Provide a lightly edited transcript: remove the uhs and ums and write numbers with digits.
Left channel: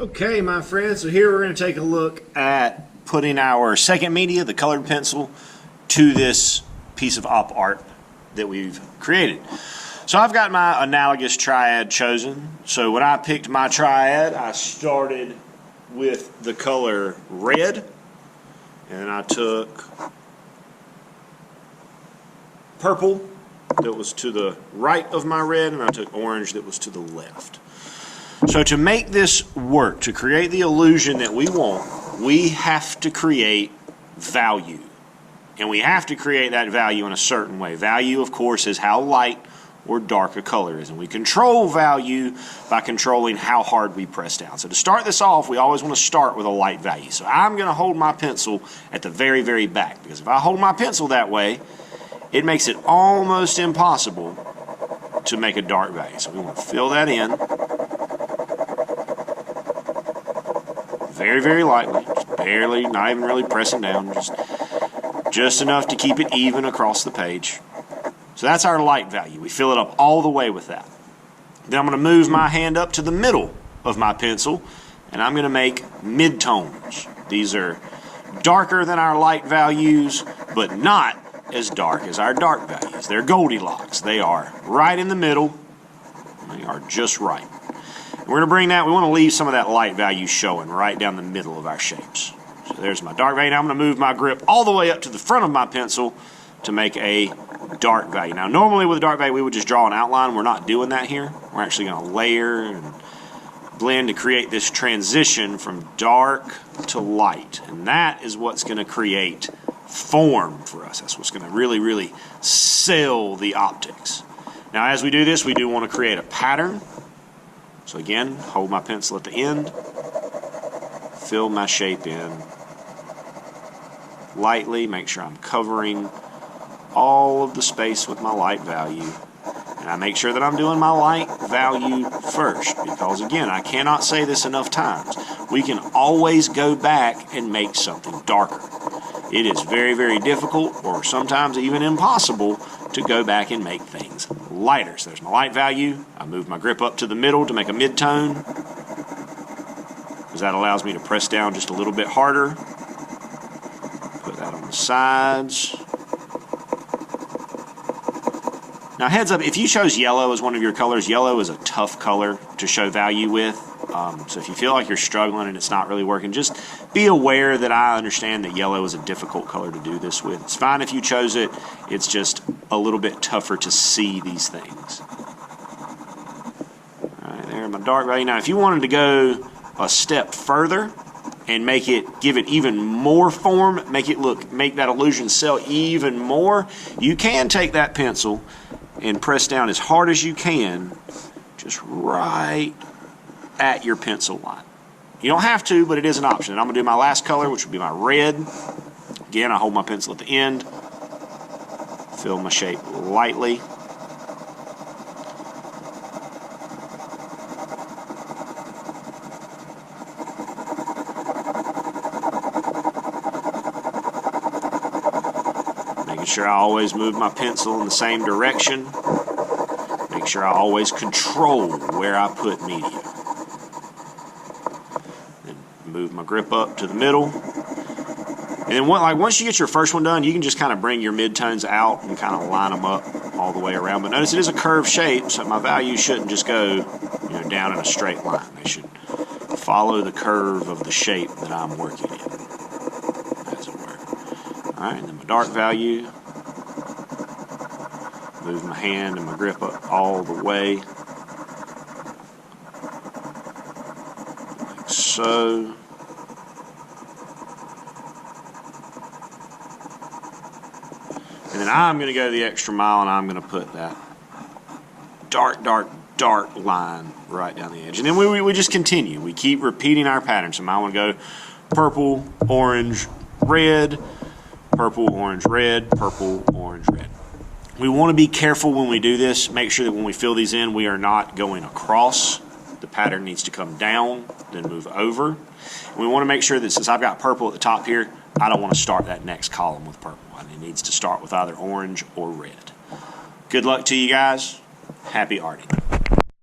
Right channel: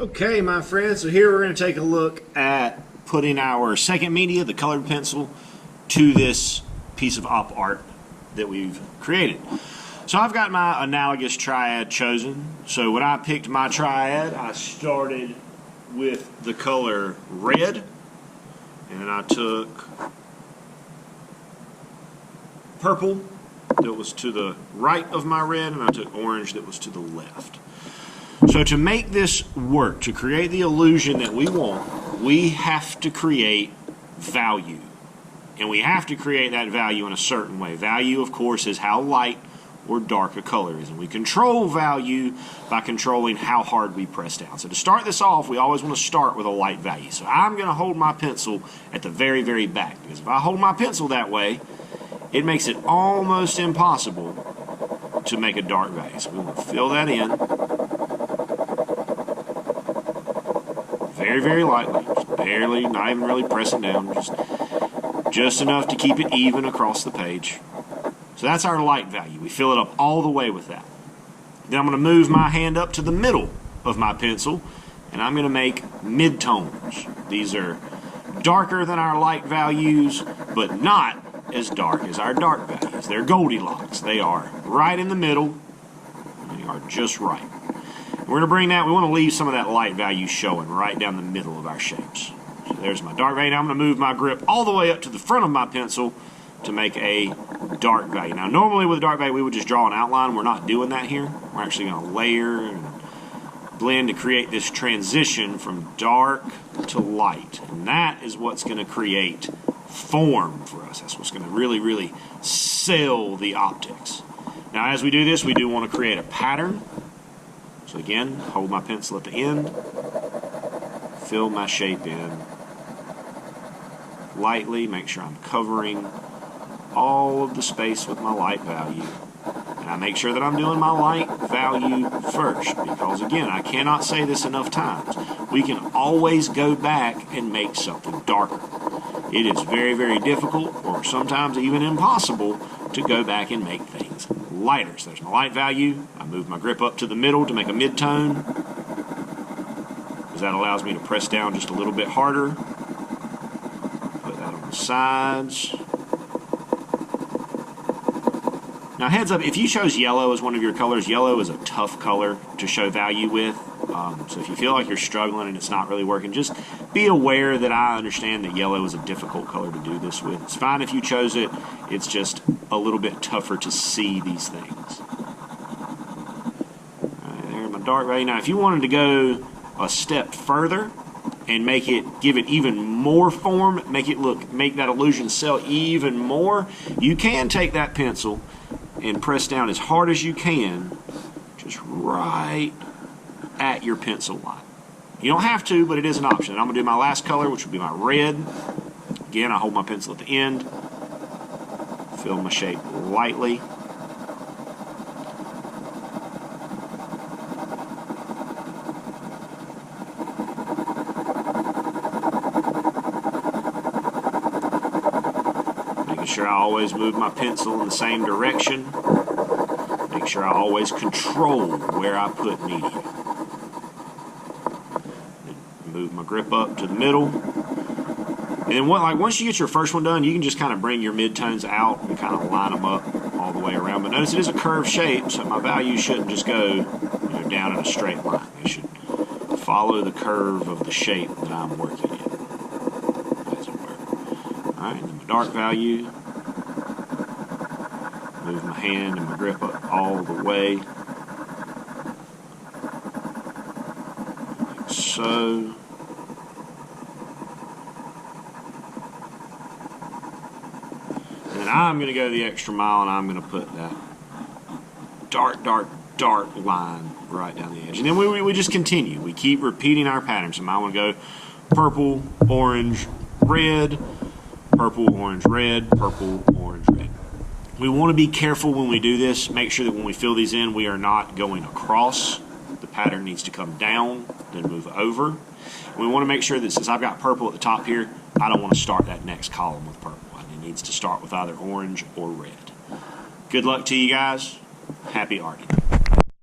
Okay, my friends, so here we're going to take a look at putting our second media, the colored pencil, to this piece of op art that we've created. So I've got my analogous triad chosen. So when I picked my triad, I started with the color red, and then I took purple that was to the right of my red, and I took orange that was to the left. So to make this work, to create the illusion that we want, we have to create value. And we have to create that value in a certain way. Value, of course, is how light or dark a color is. And we control value by controlling how hard we press down. So to start this off, we always want to start with a light value. So I'm going to hold my pencil at the very, very back. Because if I hold my pencil that way, it makes it almost impossible to make a dark value. So we want to fill that in. Very, very lightly, just barely, not even really pressing down, just enough to keep it even across the page. So that's our light value. We fill it up all the way with that. Then I'm going to move my hand up to the middle of my pencil, and I'm going to make midtones. These are darker than our light values, but not as dark as our dark values. They're Goldilocks. They are right in the middle. They are just right. We're going to bring that, we want to leave some of that light value showing right down the middle of our shapes. So there's my dark value. Now I'm going to move my grip all the way up to the front of my pencil to make a dark value. Now normally with a dark value we would just draw an outline. We're not doing that here. We're actually going to layer and blend to create this transition from dark to light. And that is what's going to create form for us. That's what's going to really, really sell the optics. Now as we do this, we do want to create a pattern. So again, hold my pencil at the end, fill my shape in lightly, make sure I'm covering all of the space with my light value. And I make sure that I'm doing my light value first, because again, I cannot say this enough times. We can always go back and make something darker. It is very, very difficult, or sometimes even impossible, to go back and make things lighter. So there's my light value. I move my grip up to the middle to make a mid-tone, because that allows me to press down just a little bit harder. Put that on the sides. Now heads up, if you chose yellow as one of your colors, yellow is a tough color to show value with. So if you feel like you're struggling and it's not really working, just be aware that I understand that yellow is a difficult color to do this with. It's fine if you chose it. It's just a little bit tougher to see these things. All right, there, my dark value. Now, if you wanted to go a step further and give it even more form, make that illusion sell even more, you can take that pencil and press down as hard as you can, just right at your pencil line. You don't have to, but it is an option. And I'm going to do my last color, which would be my red. Again, I hold my pencil at the end, fill my shape lightly. Making sure I always move my pencil in the same direction. Make sure I always control where I put media. Move my grip up to the middle. And then once you get your first one done, you can just kind of bring your midtones out and kind of line them up all the way around. But notice it is a curved shape, so my values shouldn't just go down in a straight line. They should follow the curve of the shape that I'm working in, as it were. All right, and then my dark value. Move my hand and my grip up all the way, like so. And then I'm going to go the extra mile, and I'm going to put that dark, dark, dark line right down the edge. And then we just continue. We keep repeating our pattern. So I want to go purple, orange, red, purple, orange, red, purple, orange, red. We want to be careful when we do this. Make sure that when we fill these in, we are not going across. The pattern needs to come down, then move over. And we want to make sure that since I've got purple at the top here, I don't want to start that next column with purple. It needs to start with either orange or red. Good luck to you guys. Happy arting.